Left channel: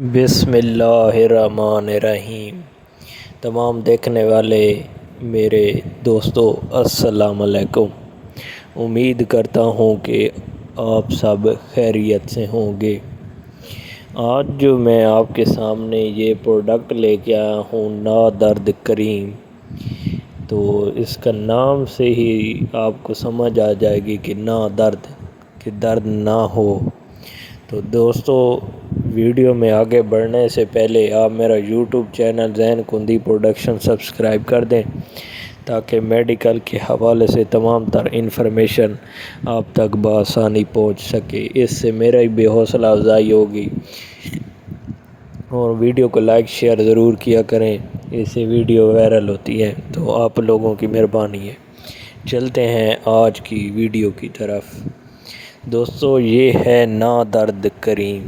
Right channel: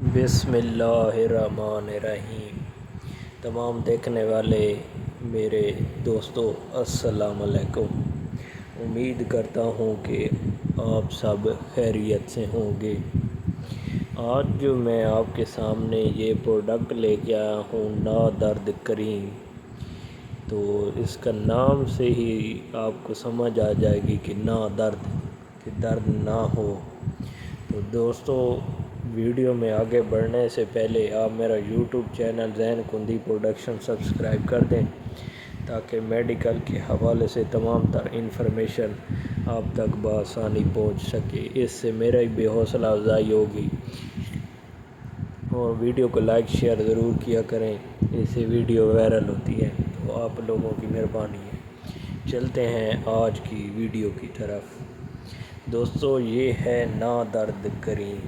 بسم اللہ الرحمن الرحیم۔ تمام دیکھنے والے میرے دوستو السلام علیکم۔ امید کرتا ہوں کہ آپ سب خیریت سے ہوں گے۔ آج جو میں آپ کے سامنے یہ پروڈکٹ لے کے آیا ہوں نادرد کریم، تو اس کا نام سے ہی آپ کو سمجھ آ جائے گی کہ نادرد، کہ درد نہ ہو۔ تو دوستو ویڈیو میں آگے بڑھنے سے پہلے آپ میرا یوٹیوب چینل ذہن کندی پروڈکشن سبسکرائب کر دیں تاکہ میڈیکل کے حوالے سے تمام تر انفارمیشن آپ تک بآسانی پہنچ سکے۔ اس سے میرا بھی حوصلہ افزائی ہوگی، اور ویڈیو کو لائک شیئر ضرور کیا کریں، اس سے ویڈیو وائرل ہوتی ہے تو آپ لوگوں کی مہربانی ہے۔ چلتے ہیں آج کی ویڈیو کی طرف۔ دوستو یہ ہے نادرد کریم۔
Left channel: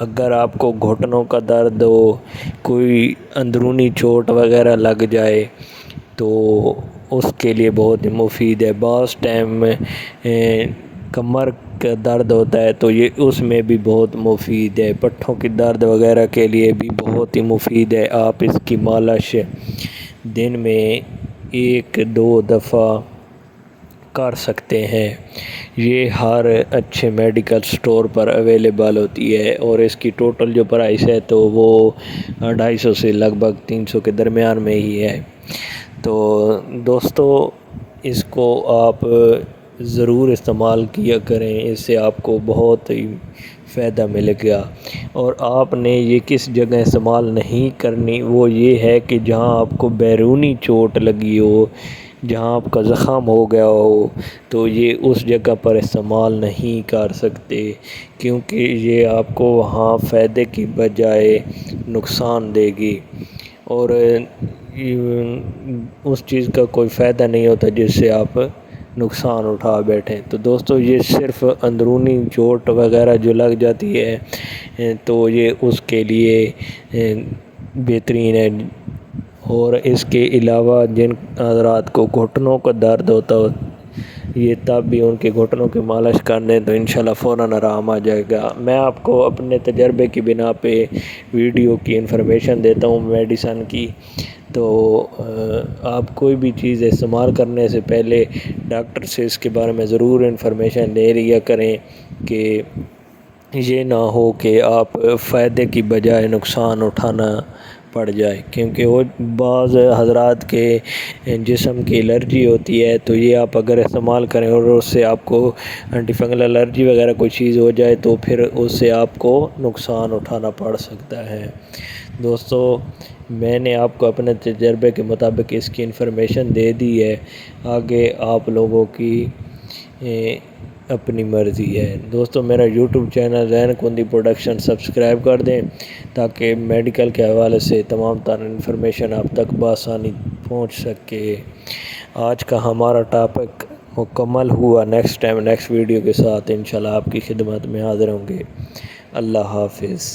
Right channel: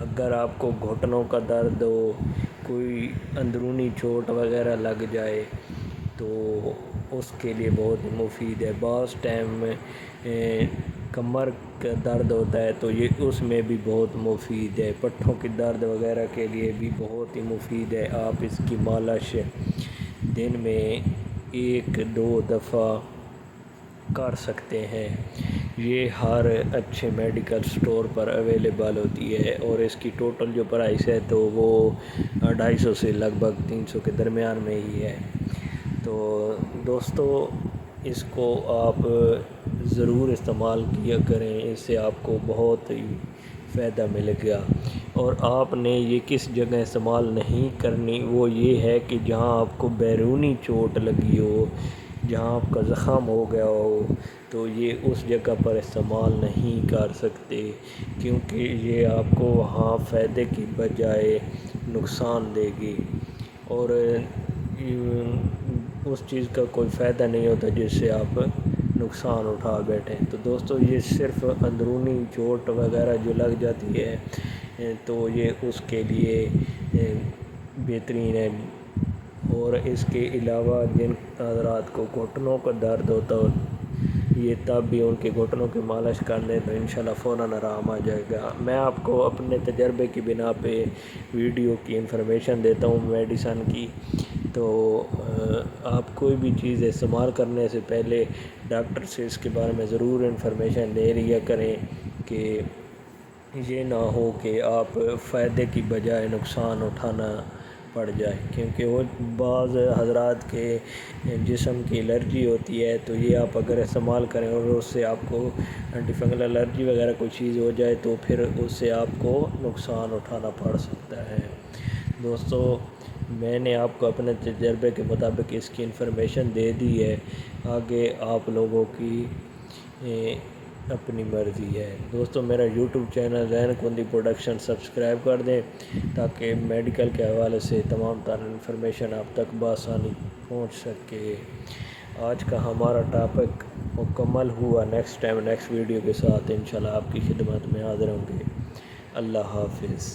اگر آپ کو گھٹنوں کا درد ہو، کوئی اندرونی چوٹ وغیرہ لگ جائے تو اس کے لیے بہت مفید ہے۔ بعض ٹائم میں کمر کا درد ہوتا ہے تو یہ اس میں بھی بہت مفید ہے۔ پٹھوں کی درد وغیرہ کے لیے بھی بہت ہی مفید ہے۔ آپ اس کی مالش دن میں 1-2 دفعہ کر سکتے ہیں۔ یہ ہر اچھے میڈیکل سٹور پر اویلیبل ہوتی ہے، اور اس کی ٹوٹل جو پرائس ہے تو وہ 250 سے لگ بھگ 300 کے درمیان میں ہی ہے۔ تو دوستو اس کو آپ ضرور استعمال کیا کریں، اس سے آپ کو بہت ہی فائدہ ملے گا۔ اور آپ نے یہ کس جگہ استعمال نہیں کرنی، وہ یہ ہے کہ جہاں آپ کو بیرونی چوٹ لگی ہو، جہاں آپ کا زخم ہو گیا ہو، تو یہ اس جگہ پر استعمال نہیں کر سکتے، کیونکہ یہ آپ کو وہاں فائدے کی بجائے نقصان دے گی، اور اس چیز کا کوئی فائدہ نہیں ہوتا جس سے آپ نقصان اٹھا بیٹھیں۔ تو دوستو یہ صرف اندرونی چوٹ وغیرہ جو لگ جاتی ہے تو یہ اس کے لیے بہترین ہے۔ اور اس کے علاوہ جن حضرات کو گھٹنوں کا درد ہوتا ہو، یہ تب بھی ان کے گھٹنوں کی مالش کر دیں تو انشاءاللہ فوراً آرام آ جائے گا۔ میں آپ کو اپنے تجربے کی بنا پہ ویڈیو کی انفارمیشن دیتا ہوں میڈیسن کی، تو آپ کوئی بھی چیز استعمال کرنے سے پہلے ڈاکٹر سے اس کے بارے میں ضرور انفارمیشن لے لیا کریں، کہ یہ نہ ہو کہ آپ فائدے کی بجائے نقصان اٹھانا پڑ جائے، کیونکہ وہ بعض حضرات کے جسم کی الرجی ہوتی ہے، تو یہ آپ اگر استعمال کریں اور اس سے آپ کو اینٹی فنگل الرجی وغیرہ کوئی چیز ہو جائے تو پھر اس سے آپ کو نقصان اٹھانا پڑ سکتا ہے۔ دوستو میں نے آپ کو اپنے تجربے کے مطابق اس کی انفارمیشن دے دی ہے، آگے آپ لوگوں کی اپنی مرضی ہے۔ دوستو میرا یوٹیوب چینل ذہن کندی پروڈکشن سبسکرائب کر دیں تاکہ میڈیکل کے حوالے سے تمام تر انفارمیشن آپ تک بآسانی پہنچ سکے۔ آج کا ہمارا ٹاپک مکمل ہوا۔ نیکسٹ ویڈیو کے ساتھ انشاءاللہ آپ کی خدمت میں حاضر ہوں گے۔ اللہ حافظ۔